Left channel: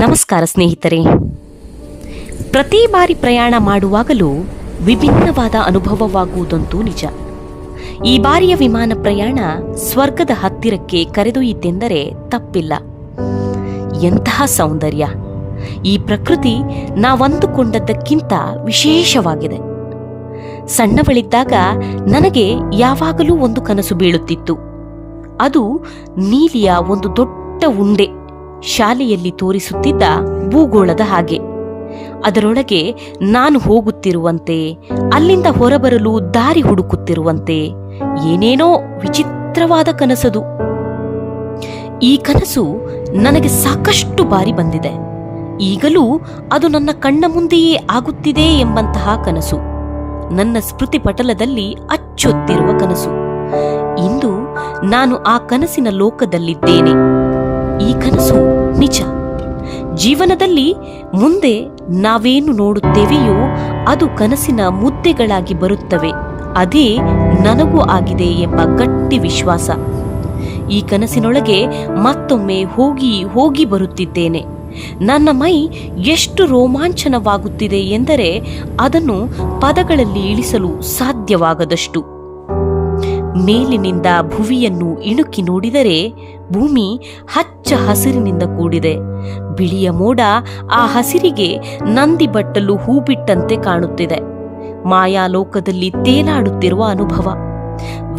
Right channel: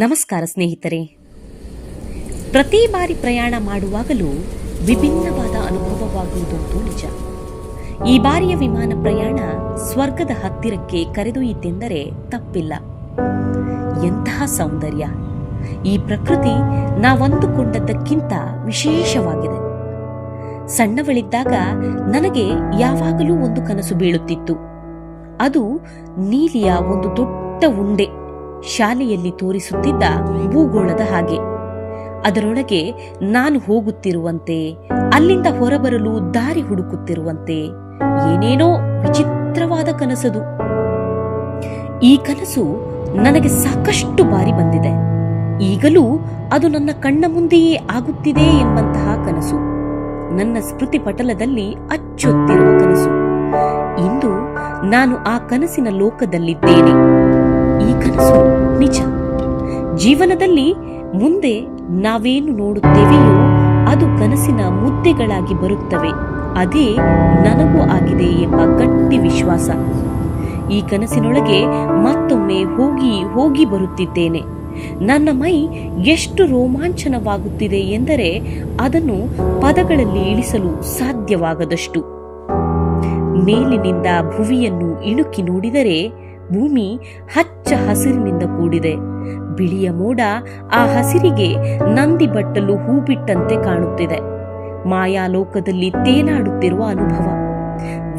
ನಮಸ್ಕಾರ ಸ್ನೇಹಿತರೆ. ಪ್ರತಿ ಬಾರಿ ಪ್ರಯಾಣ ಮಾಡುವಾಗಲೂ ವಿಭಿನ್ನವಾದ ಅನುಭವವಾಗುವುದಂತೂ ನಿಜ. ಈ ಬಾರಿಯ ವಿಮಾನ ಪ್ರಯಾಣ ಸ್ವರ್ಗದ ಹತ್ತಿರಕ್ಕೆ ಕರೆದೊಯ್ಯಿತೆಂದರೆ ತಪ್ಪಿಲ್ಲ. ಎಂತಹ ಸೌಂದರ್ಯ! ಈ ಪ್ರಕೃತಿ ನಾವಂದುಕೊಂಡದ್ದಕ್ಕಿಂತ ವಿಶೇಷವಾಗಿದೆ. ಸಣ್ಣವಳಿದ್ದಾಗ ನನಗೆ ಯಾವಾಗಲೂ ಒಂದು ಕನಸು ಬೀಳುತ್ತಿತ್ತು. ಅದು ನೀಲಿಯ ಒಂದು ದೊಡ್ಡ ಉಂಡೆ ಶಾಲೆಯಲ್ಲಿ ತೋರಿಸುತ್ತಿದ್ದ ಭೂಗೋಳದ ಹಾಗೆ. ಅದರೊಳಗೆ ನಾನು ಹೋಗುತ್ತಿರುವಂತೆ, ಅಲ್ಲಿಂದ ಹೊರಬರಲು ದಾರಿ ಹುಡುಕುತ್ತಿರುವಂತೆ ಏನೇನೋ ವಿಚಿತ್ರವಾದ ಕನಸದು. ಈ ಕನಸು ನನಗೆ ಸಾಕಷ್ಟು ಬಾರಿ ಬಂದಿದೆ. ಈಗಲೂ ಅದು ನನ್ನ ಕಣ್ಣ ಮುಂದೆಯೇ ಆಗುತ್ತಿದೆ ಎಂಬಂತಹ ಕನಸು ನನ್ನ ಸ್ಮೃತಿ ಪಟಲದಲ್ಲಿ ಅಚ್ಚೊತ್ತಿರುವ ಕನಸು. ಇಂದು ನಾನು ಆ ಕನಸಿನ ಲೋಕದಲ್ಲಿದ್ದೇನೆ. ಈ ಕನಸು ನಿಜ. ಜೀವನದಲ್ಲಿ ಮುಂದೆ ನಾವೇನು ನೋಡುತ್ತೇವೆಯೋ ಅದು ಕನಸಿನ ಮುದ್ದೆಗಳಾಗಿ ಬರುತ್ತವೆ. ಅದೇ ನನಗೂ ಆಗಿದೆ ಎಂಬ ಗಟ್ಟಿ ವಿಶ್ವಾಸ. ಈ ಕನಸಿನೊಳಗೆ ಮತ್ತೊಮ್ಮೆ ಹೋಗಿ ಹೋಗಿ ಬರುತ್ತಿದ್ದೇನೆ. ನನ್ನ ಮೈ ಎಷ್ಟು ರೋಮಾಂಚನವಾಗುತ್ತಿದೆ ಎಂದರೆ ಅದನ್ನು ಪದಗಳಲ್ಲಿ ಇಳಿಸಲು ಸಾಧ್ಯವಾಗದಷ್ಟು. ಮೇಲಿನಿಂದ ಭುವಿಯನ್ನು ಇಣುಕಿ ನೋಡಿದರೆ ಭೂಮಿ ಹಚ್ಚ ಹಸಿರಿನಿಂದ ಕೂಡಿದೆ. ಬಿಳಿಯ ಮೋಡ ಆ ಹಸಿರಿಗೆ ನಂದಿ ಬಟ್ಟಲು ಹೂ ಬಿಟ್ಟಂತೆ ಕಾಣುತ್ತಿದೆ. ಮಾಯಾಲೋಕದಲ್ಲಿ ತೇಲಾಡುತ್ತಿರುವ ಅನುಭವ.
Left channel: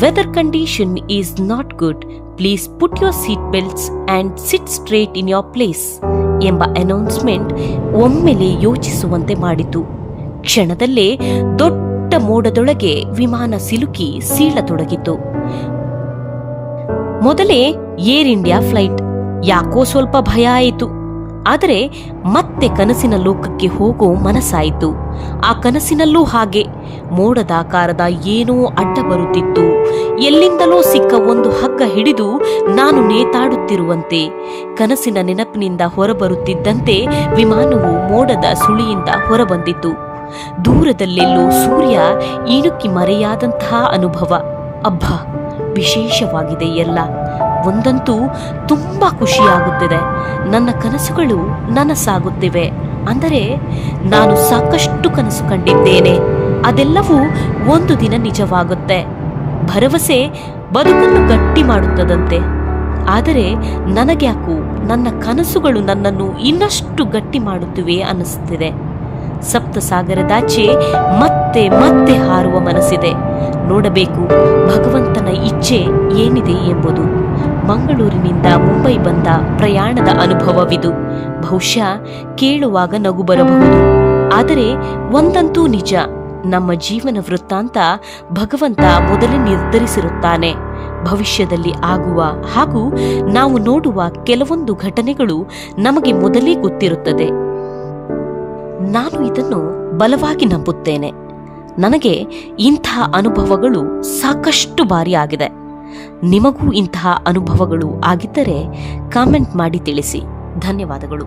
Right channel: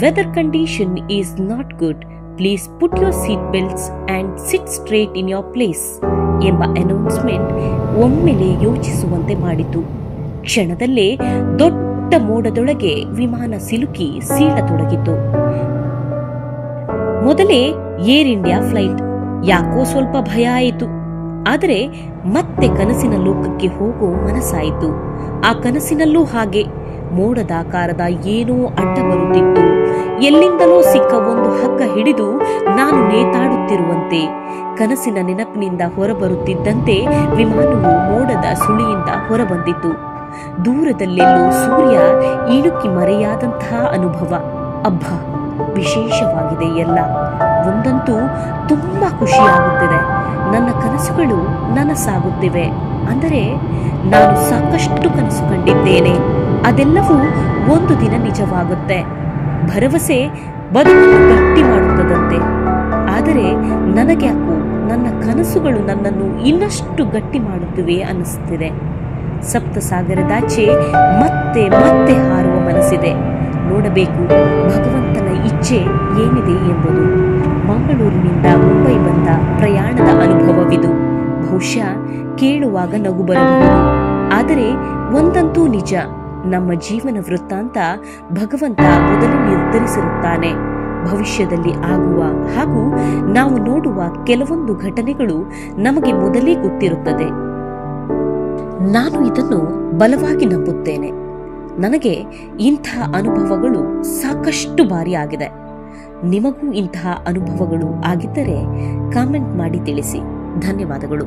Weather condition is not good, please put your seat belts and sit straight in your place ಎಂಬ ಅನೌನ್ಸ್ಮೆಂಟ್ ಒಮ್ಮೆಲೆ ಯೋಚಿಸುವಂತೆ ಮಾಡಿತು. ಕ್ಷಣದಲ್ಲೇ ದೊಡ್ಡ ಮೋಡದೊಳಗೆ ವಿಮಾನ ಸಿಲುಕಿ ಸೀಳತೊಡಗಿತು. ಮೊದಲೇ ಏರ್ ಇಂಡಿಯಾ ಫ್ಲೈಟ್. ಯಾಕೋ ಸ್ವಲ್ಪ ಭಯ ಆಯಿತು. ಆದರೆ ಮತ್ತೆ ಕನಸಿನ ಲೋಕಕ್ಕೆ ಹೋಗೋ ಮನಸ್ಸಾಯಿತು. ಆ ಕನಸಿನಲ್ಲೂ ಹಾಗೆ ಮೋಡದಾಕಾರದ ಏನೋ ಅಡ್ಡ ಬರುತ್ತಿತ್ತು. ಎಲ್ಲಿಂದಲೋ ಸಿಕ್ಕ ಒಂದು ಹಗ್ಗ ಹಿಡಿದು ನಾನು ನೇತಾಡುತ್ತಿರುವಂತೆ. ಕನಸಿನ ನೆನಪಿನಿಂದ ಹೊರಬರುತ್ತಿದ್ದಂತೆ ವಿಮಾನವು ಮೋಡದ ಸುಳಿಯಿಂದ ಹೊರಬಂದಿತು. ದೂರದಲ್ಲೆಲ್ಲೋ ಸೂರ್ಯ ಇಣುಕಿ ಮರೆಯಾದಂತಹ ಅನುಭವ. ಅಬ್ಬಾ, ವಿಶೇಷವಾಗಿದೆ ಎಲ್ಲ. ಒಂದಂತೂ ತುಂಬಾ ಖುಷಿಯಾಗುತ್ತಿದೆ. ನನ್ನ ಕನಸುಗಳು ನನಸಾಗುತ್ತಿವೆ. ಅಂದರೆ ನಾನು ಸಾಕಷ್ಟು ಕನಸು ಕಂಡಿದ್ದೇನೆ. ಅದೆಲ್ಲವೂ ಒಂದು ದಿನ ನಿಜವಾಗುತ್ತೆ. ಭರವಸೆ ಬದುಕನ್ನು ಗಟ್ಟಿ ಮಾಡುತ್ತದಂತೆ. ಆದರೆ ನನಗ್ಯಾಕೋ ನನ್ನ ಕನಸುಗಳು ನನ್ನನ್ನು ಇನ್ನಷ್ಟು ಗಟ್ಟಿ ಮಾಡುತ್ತಿವೆ ಅನ್ನಿಸುತ್ತಿದೆ. ಸಪ್ತಸಾಗರದಾಚೆ ಮತ್ತೆ ಮತ್ತೆ ಹಾರುವ ಮನಸ್ಸಿದೆ. ನೋಡಬೇಕು ಭಗವಂತನ ಇಚ್ಛೆ ಏನಿದೆ ಎಂಬುದು. ಮಂಗಳೂರಿನಿಂದ ಮುಂಬೈ ಬಂದ ಪ್ರಯಾಣದ ಅನುಭವವಿದು. ಬಹುಶಃ ಕೇಳುವಾಗ ನಗು ಬರಬಹುದು. ಆದರೆ ಒಂದಂತೂ ನಿಜ, ನಮ್ಮ ಜೀವನ ವೃತ್ತಾಂತ ಭಗವಂತ ಮೊದಲೇ ನಿರ್ಧರಿಸಿರುತ್ತಾನೆ. ಭವಿಷ್ಯದಲ್ಲಿ ಆಗುವ ಹಾಗೂ ನಾವು ನೋಡುವ ಕೆಲವೊಂದು ಘಟನೆಗಳು ನಮಗೆ ಮೊದಲೇ ಗೊತ್ತಿರುತ್ತದೆ. ನಾನು ಇದನ್ನು ಬಲವಾಗಿ ನಂಬುತ್ತೇನೆ. ನನಗೆ ಇಂತಹ ಅನುಭವಗಳು ಸಾಕಷ್ಟು ಬಾರಿ ಆಗಿದೆ. ನಿಮಗೂ ಇಂತಹ ಅನುಭವಗಳು ಆಗಿದ್ದರೆ ಕಾಮೆಂಟ್ ಮಾಡಿ ತಿಳಿಸಿ. ಧನ್ಯವಾದಗಳು.